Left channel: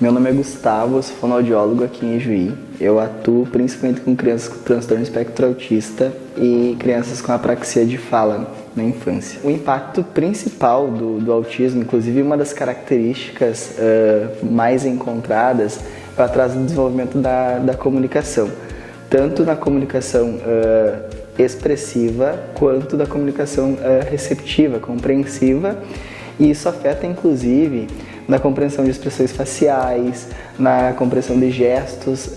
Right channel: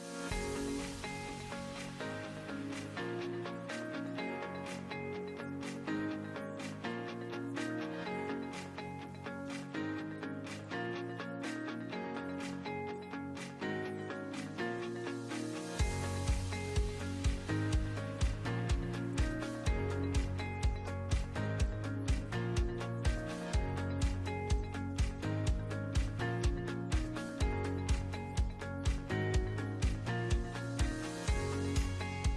Meu nome é Gustavo, sou fonoaudiólogo aqui em Juí. Eu atuo principalmente com crianças com transtorno espectro autista e crianças com apraxia de fala na infância. O impacto principal do autismo, inclusive uma das características mais encontradas, é o atraso do desenvolvimento da comunicação, tanto na comunicação expressiva quanto da comunicação receptiva, compreensiva, e isso afeta inclusive na compreensão de expressões faciais, na compreensão de gestos,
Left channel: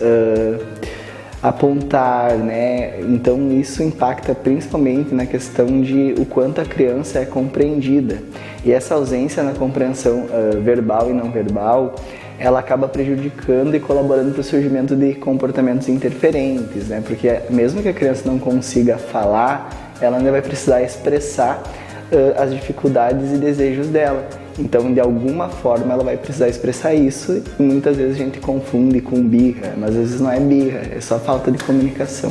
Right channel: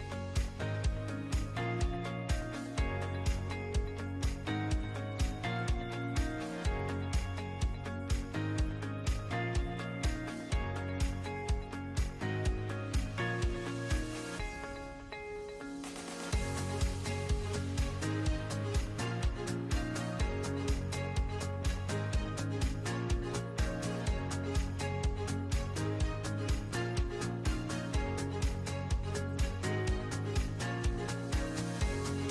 apontar, né? Então isso impacta principalmente na questão de o quanto a criança é compreendida. E essa ausência na compreensão verbal e não verbal, ela acaba prejudicando e colaborando para o surgimento de comportamentos interferentes, né? Porque mesmo que a criança não consiga falar, ela ainda vai precisar expressar as dificuldades e desejos dela. Então, de alguma forma, ela vai precisar expressar isso e muitas vezes a gente confunde com birra, mas às vezes não é birra, é só falta de comunicação.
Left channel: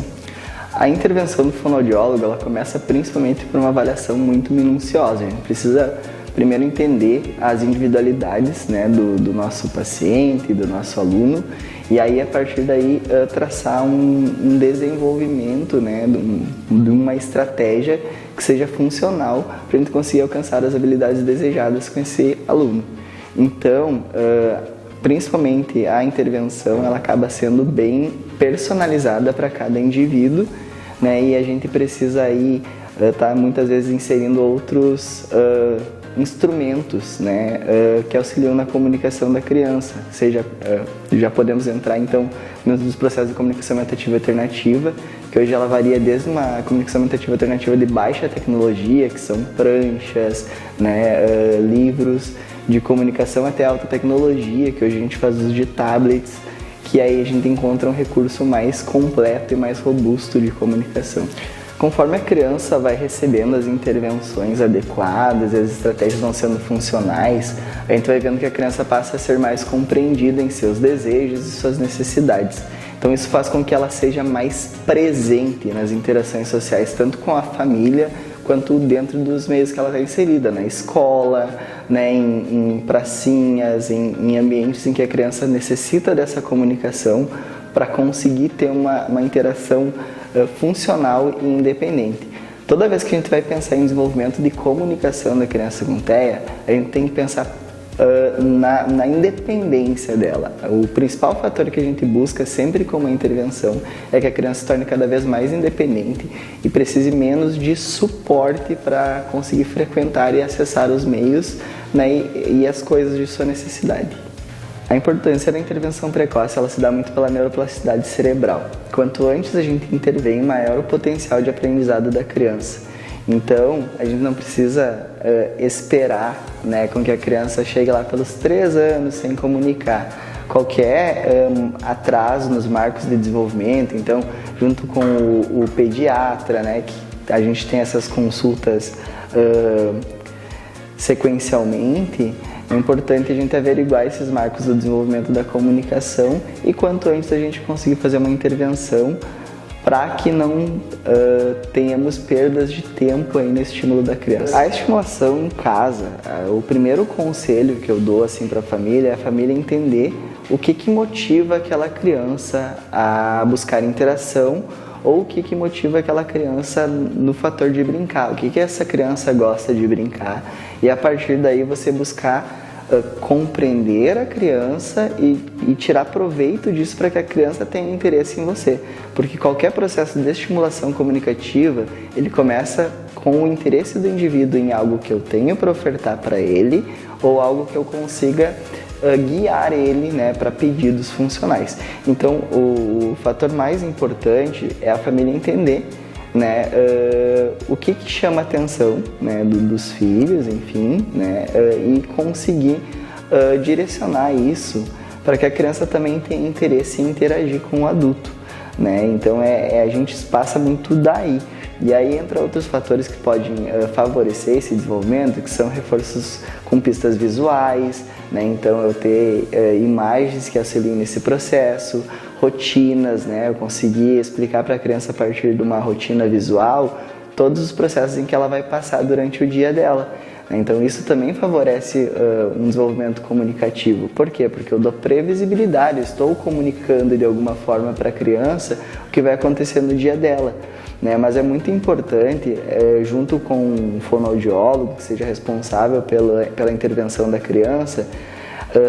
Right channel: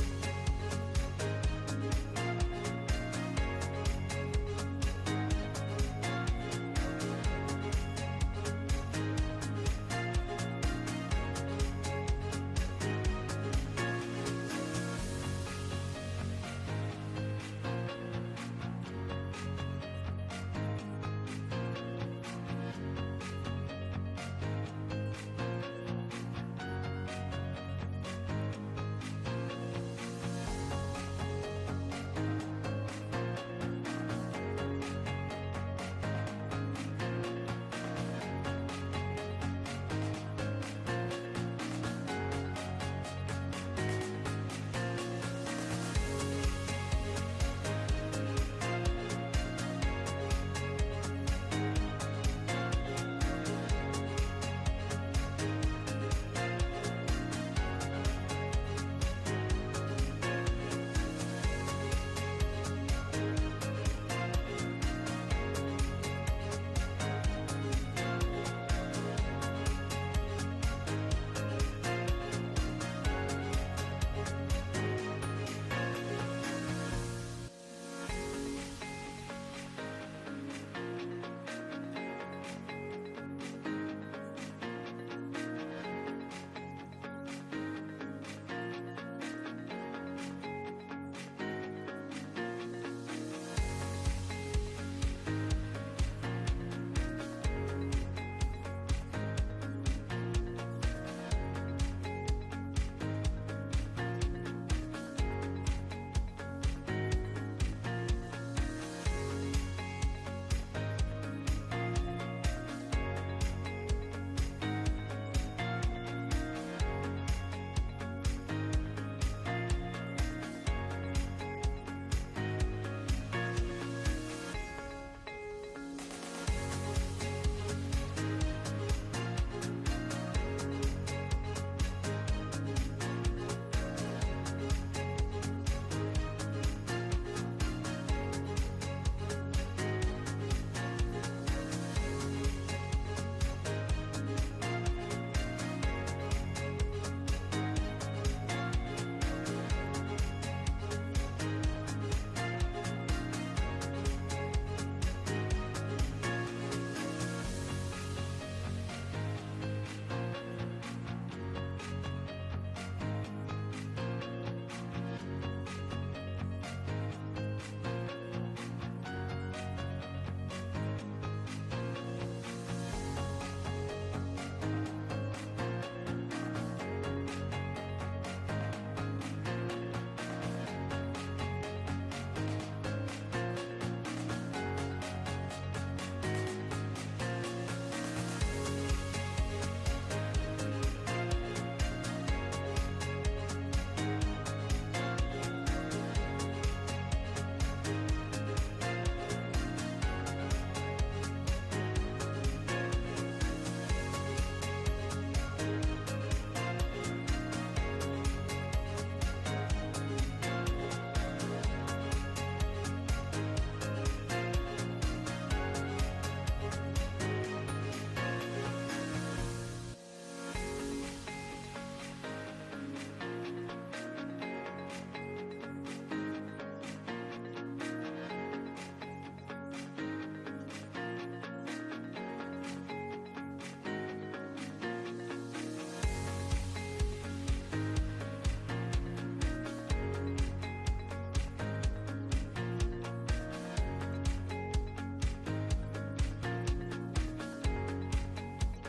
A intervenção do fonoaudiólogo, ela começa principalmente por uma avaliação muito minuciosa. A gente precisa primeiro entender as individualidades, né, do nosso paciente, do nosso aluno, e aí a partir daí traçar um desenvolvimento, né, de uma estratégia que seja funcional para a gente conseguir alcançar as habilidades desejadas com esse aluno. Então, principalmente a intervenção, ela acaba sendo bem personalizada para cada indivíduo, né, e a gente precisa aí estar muitas vezes inserindo outros instrumentos, né, que auxiliam na comunicação da criança, seja, já podemos entrar então nos processos de comunicação mentativa alternativa, que hoje ela varia desde uma comunicação mentativa alternativa de baixa tecnologia, que são pranchas, né, livros de comunicação, até alta tecnologia, que hoje a gente faz uso de tablets, que aí a gente encontra um recurso mais completo e mais robusto de comunicação. Conforme a criança vai recebendo as intervenções adequadas e as estratégias vão sendo funcionais, a gente vai vendo que a criança passa a ser mais compreendida em seus desejos e suas necessidades. Então isso faz com que ela seja mais presente nas interações sociais, tanto com a família quanto dentro dos meios que ela está inserida, na escola, né, em pracinhas, em ambientes em que a criança necessita dessa comunicação para conseguir ter uma interação funcional e independente. Toda vez que a gente vai pensar em desenvolvimento de comunicação da criança com TEA, a gente tem que pensar na independência dela. O principal fator que a gente busca sempre com uma intervenção é que a criança se torne cada vez mais independente e precise menos de suporte para conseguir frequentar e acessar os meios, né, e as coisas de sua necessidade. A importância da intervenção precoce, ela se dá muito pela neuroplasticidade cerebral. Quanto antes a gente intervém, maior o potencial de aprendizado da criança. Então, a gente não precisa esperar, né, com que a criança chegue lá pelos 3 anos sem comunicar. Qualquer atraso nos marcos de desenvolvimento, então, junto com o pediatra, né, que a gente tem essas consultas sequencialmente, é importante a gente averiguar esses marcos do desenvolvimento da comunicação e quanto antes a gente conseguir fazer uma intervenção para que não tenhamos perdas de tempo aí no estímulo da criança. A estimulação em casa, o primeiro conselho que eu dou assim para a família é a família entender o que motiva aquela criança a buscar interação ou o que motiva aquela criança no fator de brincar, o que essa criança gosta de brincar, e a partir daí você buscar compreender a criança e tirar proveito disso para que a criança tenha interesse em você, porque qualquer processo de estimulação comunicativa, ele começa com o interesse do indivíduo em algo que eu tenho para ofertar para ele ou algo que eu consiga guiar ele, né, para pedidos funcionais. Então, o fator mais importante é a família entender, né, o que chama a atenção, né, dos filhos, enfim, né, e conseguir direcionar isso para que a criança também tenha interesse em interagir com o adulto, né? Então a gente passa muito daí. E aí entra outros fatores que podem favorecer esse desenvolvimento, que são reforços com pistas visuais, né? Então eu ter imagens que auxiliem nesse processo, rotinas, né? Eu conseguir explicar para a criança a partir de uma rotina visual todos os processos em que ela vai passar durante o dia dela, Então isso também favorece um desenvolvimento comunicativo. Por quê? Porque eu dou previsibilidade, eu estou comunicando de alguma forma para a criança o que vai acontecer no dia dela. Né? Mas é muito importante, junto com um fonoaudiólogo que seja responsável pela intervenção da criança,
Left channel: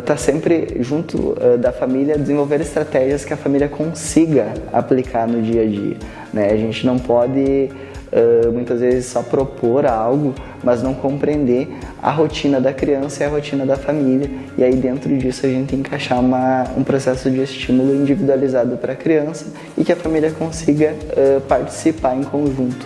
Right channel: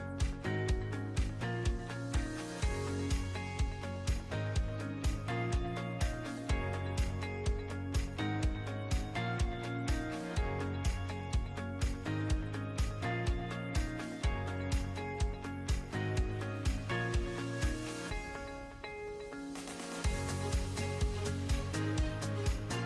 tá sempre junto da família, desenvolver estratégias que a família consiga aplicar no dia a dia. Né? A gente não pode muitas vezes só propor algo, mas não compreender a rotina da criança e a rotina da família, e aí dentro disso a gente encaixar um processo de estímulo individualizado para a criança e que a família consiga participar em conjunto.